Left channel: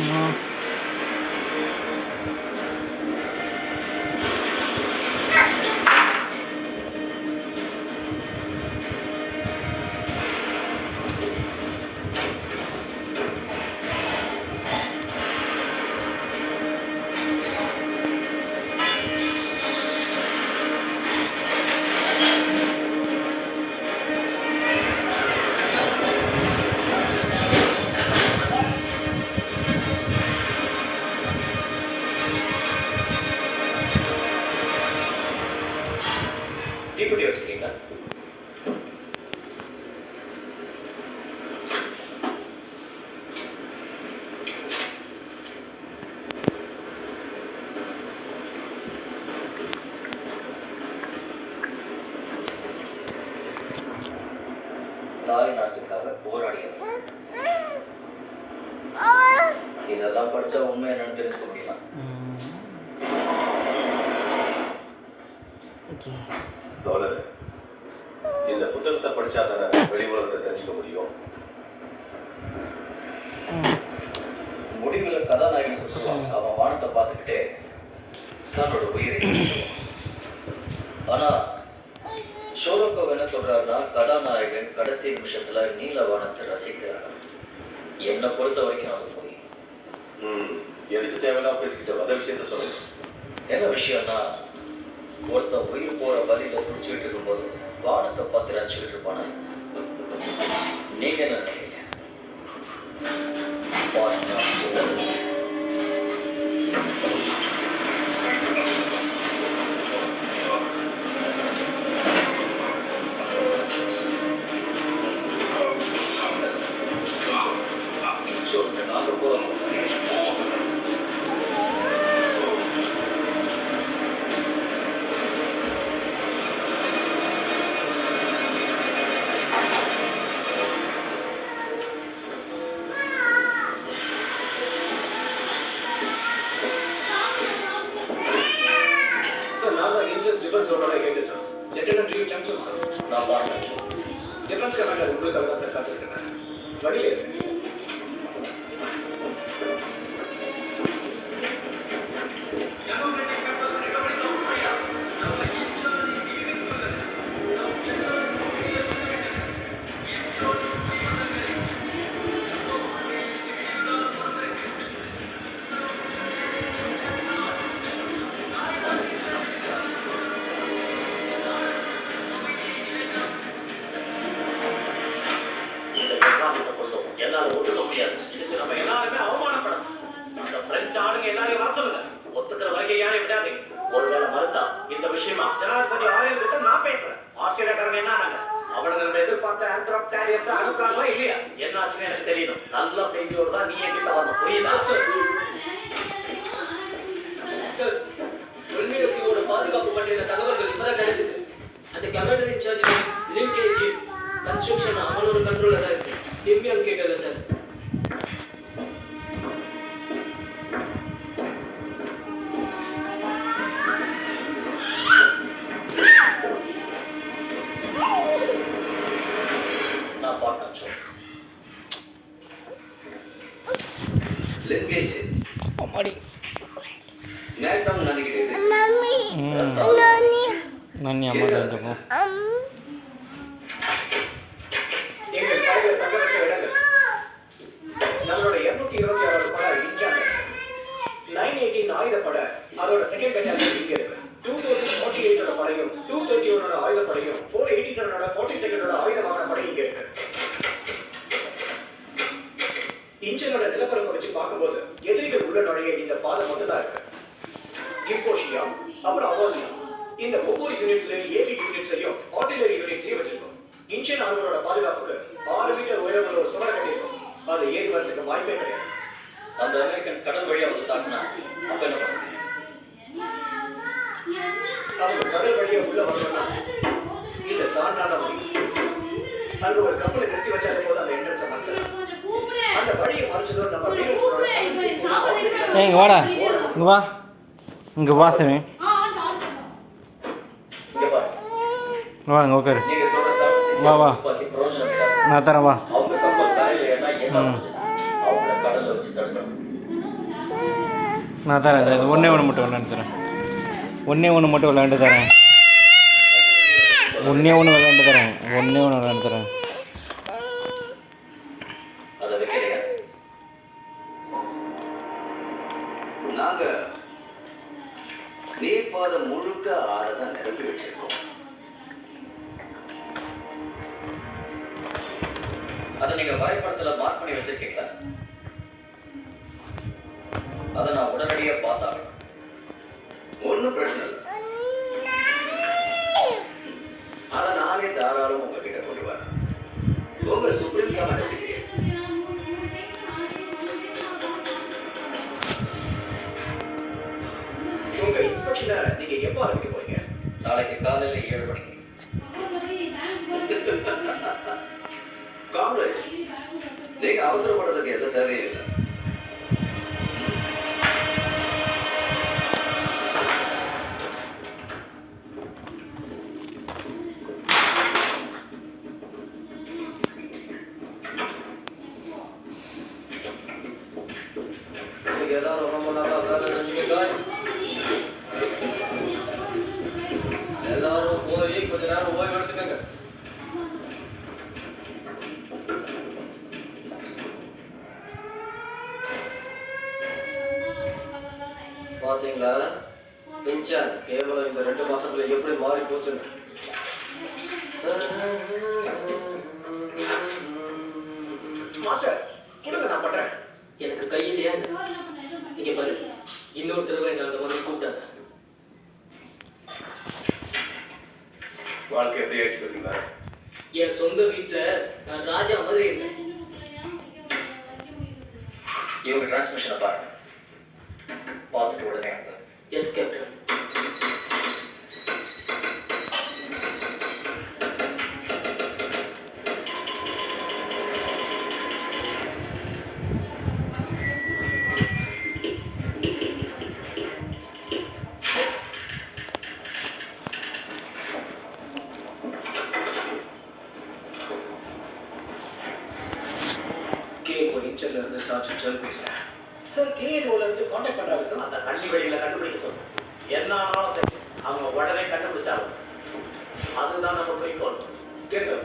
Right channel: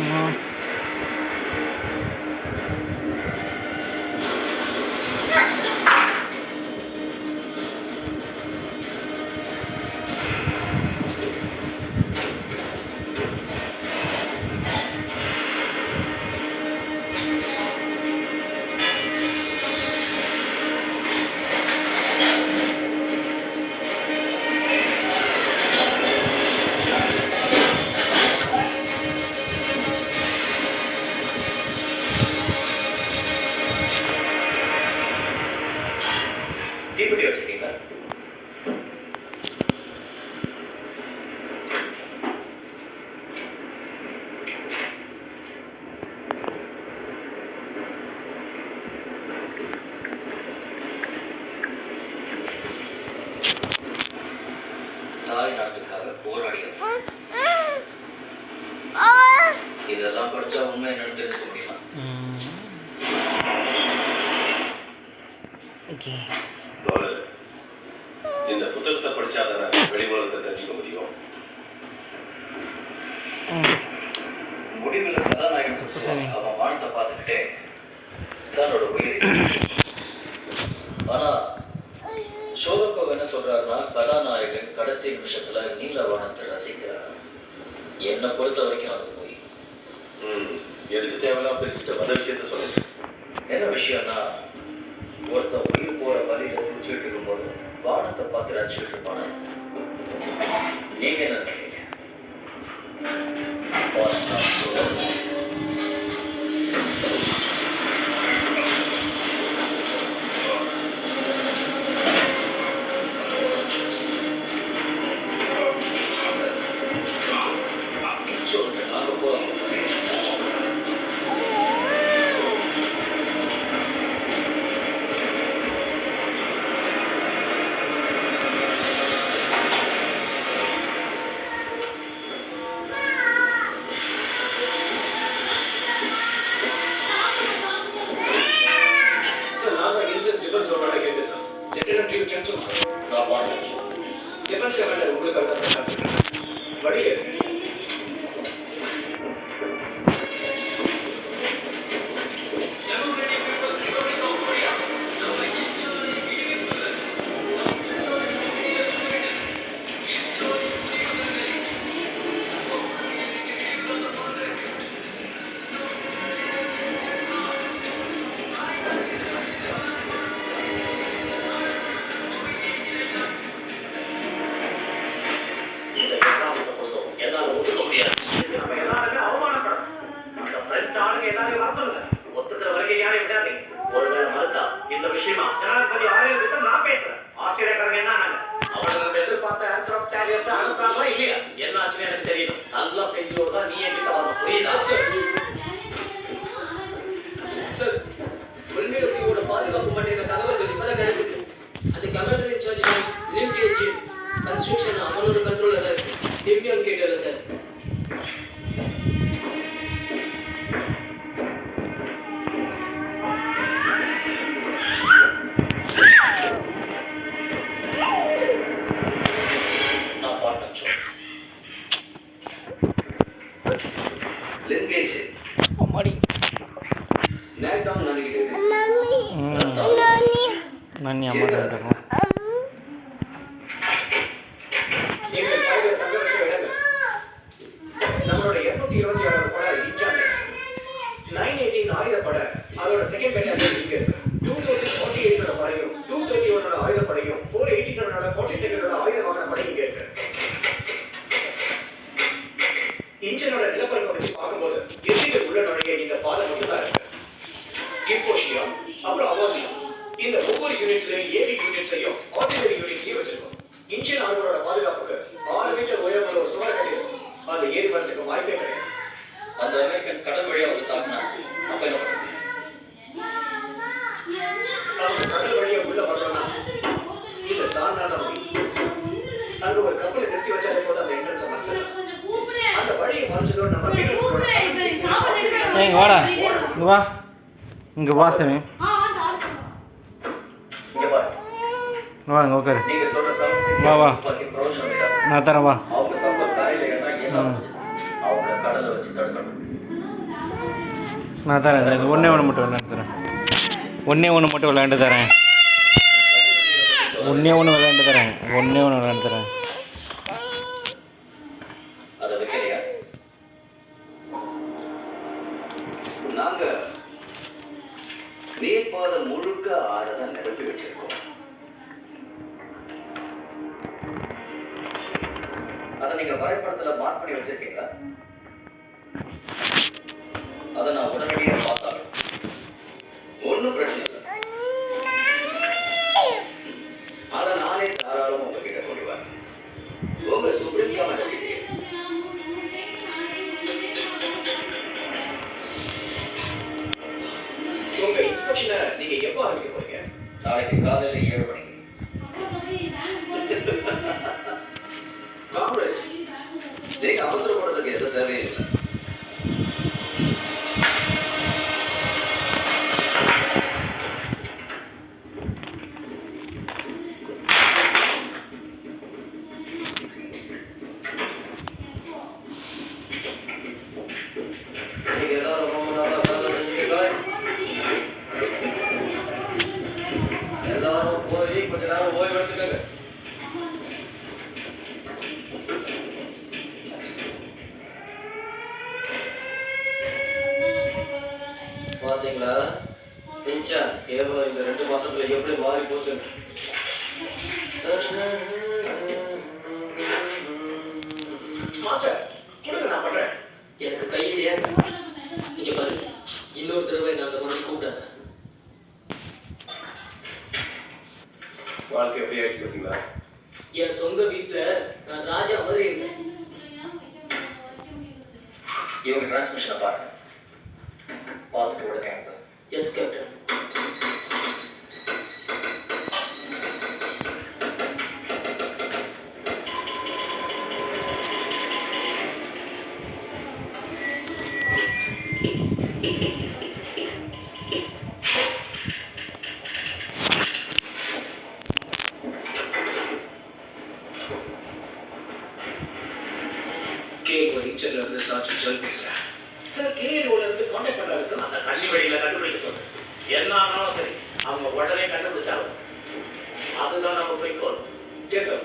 ஆமாம். தீப்பெட்டி வச்சுருக்கீங்களா? தாய் நாட்டுக்காக போராடியவர். இதெல்லாம் படிச்சா உண்மை என்னன்னு தெரிஞ்சுக்க முடியுமா? தோழர், இந்த புத்தகத்தை படிச்சாதான வெளி உலகத்தை தெரிஞ்சுக்க முடியும். முடிவில் கதாநாயகன் சொல்லுவான், அவன் வானத்தை பார்த்துக்கிட்டே தன்னோட உயிர். ஆனா ஷோலோக்கோவ் என்ன சொல்றாருன்னா, கதாநாயகன் கடைசி நிமிஷத்துல நீல வானத்தை ரசிக்கிறார். என்னை பொறுத்த வரைக்கும் அது போய் எனக்கு தேவையெல்லாம் பேசிக்கிட்ட வந்த விஷயத்த சொல்லுங்க. என்ன விஷயம்னா, ஒருத்தன் உயிர் போற வழியில துடிச்சுட்டு இருக்கும்போது வானத்தை பார்த்து ரசிச்சுட்டு இருப்பான. நீங்க என்ன நினைக்கிறீங்க? நாங்க போறோம். டிஃபென்ஸ் ஓட கேட்டு சார். லெஃப்டினன்ட் ட்ரீவ் ஜங்ஷன் சார். நான் வாங்க டிஃபென்ஸ் கமாண்டர் உங்களுக்கு தான் சார் காத்துக்கிறேன். வழியிலே நம்ம எல்லாருமே அவமானப்படும். அந்த பிரெஞ்சு ஆளுங்க எல்லாரையும் வர சொல்லுங்க. ஒத்துக்கிற வரைக்கும் யாரையும் விடாதீங்க. ஒருவேளை மறுத்தா இந்த விஷயமா ஜனாதிபதி ஆணையர்கிட்ட நான் பேசுறேன். ஆஸ்திரேலியாக்காரங்க என்ன ஆனாங்க? அவங்களுக்கு எதிர்பார்த்த ஆன்சர் ஆஃப் டேரியர்ஸ் அனுப்பாங்களா இல்லையா? என்ன ஆச்சுன்னு எனக்கு தெரியணும். நல்ல செய்தியோடு தான் நீ என்கிட்ட வரணும். புரியுதா சார்? உள்மையோட பாதுகாப்பு பற்றின தகவல்கள் இப்பதான் கிடைச்சது. அந்த கமாண்டர் இன்சார்ஜ் லிங்கேஜ் கன்ஸ்ட்ரக்ஷன் அவனோட கண்ட்ரோல்ல தான் இருக்கு. டிவியன் கேட்டல சார். நான் பார்த்தேன். லிங்கேஜ் அம்மாடி நேரம் நினைக்கிறேன். நான் அம்மா தான் எங்க சைடுல தங்க வச்ச இடங்கள் நம்மளோட 226 பட இன்சார்ஜ் 918 ஆயுதப்பட அதோட செகண்ட் பெட்டாலியன் இங்க இருக்கு. 2048 படையும் 231 ஆயுதப்படையும் 487 42 ஆயுத வாகன படை இங்க இருக்கு. இன்ஜினோட நிலப்பரப்பை வச்சு பார்க்கும்போது எதிரிகள் உள்ள நுழைய இந்த பாதை மட்டும் தான் இருக்கு. இம்போஷியா அப்புறம் அவாசியா இந்த ஒவ்வொரு யூனிட்ஸ்லயும் ஏவி யூனிட்ஸையும் ஆர்டிலரி யூனிட்ஸையும் வச்சிருக்கோம். இன்ஜின் ஆளுநரோட பாதுகாப்புக்கு 6 மீட்டர் உயரமுள்ள ஒரு சுவரை கட்டியிருக்கோம். அது ஏறி வரதுக்கு வாய்ப்பே கிடையாது. அந்த அமெரிக்கன் கடல் வழியா வந்து தாக்குனா அப்ப என்ன பண்ணுங்க? அவங்க கடல் வழியா உள்ள வரணும்னா இல்ல தாண்டாத வழி. அங்க ஒரு கப்பலை நிறுத்தி வச்சாலே போது அந்த என்ட்ரன்ஸை மறைச்சிடலாம். அந்த வழியை மறைச்சதோட நம்ம இங்கே வாடா, இங்கே வா, இங்கே வா சாமி, இங்க பாரு. வா இங்கே உட்காரு, நீங்க சொல்ற வா வா பிரயோஜனம் நான் தரேன் வா. அவங்க கப்பல் கரையில ஏன்னா அவங்க கடலை வச்சு தடுக்கணும். நான் தரேன், இது ஒன்றே ஒன்று மட்டும் விளையாண்டு தரேன். ஒன்றே ஒன்று மட்டும் விளையாண்டு தரேன். ஒன்றே ஒன்று விளையாண்டு தரேன். ஒன்றே ஒன்று விளையாண்டு தரேன். அதை வைக்கிறியா? நாங்க நீர்ப்பாதை முழுக்க ஆறதான் நிரப்பி வச்சிருக்கோம். அதை நீங்க வரைபடத்துல மார்க் பண்ணி வச்சிருக்கீங்களா? அதை நான் உடனடியாக பார்த்தாங்க. ஒன்றும் பிரச்சனை இல்லை. ஆனா நானே தாராளம் உங்ககிட்ட கொண்டு வரேன். உங்க சுப்ரீம் மாட்டேன். உங்க இன்ஸ்பெக்ஷனை நீங்க எப்போ ஆரம்பிக்க போறீங்க? நாளைக்கு காலையில் 7 மணிக்கு. காங்கிரஸ் நீங்க அவசரப்படுறதுக்கு எந்த தேவையும் இல்லை. நீங்க எல்லாரும் ரொம்ப நாளா வேலை செஞ்சீங்க guys. எல்லாரும் போய் கொஞ்ச நேரம் ஓய்வு எடுத்துக்கங்க. பாத்தீங்களா பிஞ்சான் கேவலம் இந்த 2 மாசத்துல எப்படி மாறி போச்சு. மாஸ்டர் கொடுங்க, நான் பண்றேன். எனக்கு கையிலேயே இங்கே பாரு, இன்னொரு தடவை நான் அந்த மாதிரி கூப்பிடாத. வாழ்க்கை எப்படி ஆயிடுச்சு பார்த்தீங்களா? என் சொந்த வீட்டில் நான் ராஜா மாதிரி இருந்தேன். இவங்க டிரான்ஸ்மிஷனை பாருங்க. பார்த்துட்டு உடனே வந்து எஸ் கேப்டன். இருந்து சாட்சி ஜல் பேசுறேன். சார் கேஏஓல இருந்து கான்டாக்ட் பண்றாங்க சார். அந்த கண்ணி வழியில கண்டுபிடிக்க சொல்லுங்க. என்ன ஆனாலும் சரி அவங்க உடனே கண்டுபிடிச்சாலும் அதுதான் நம்ம குறிக்கோள். Yes sir.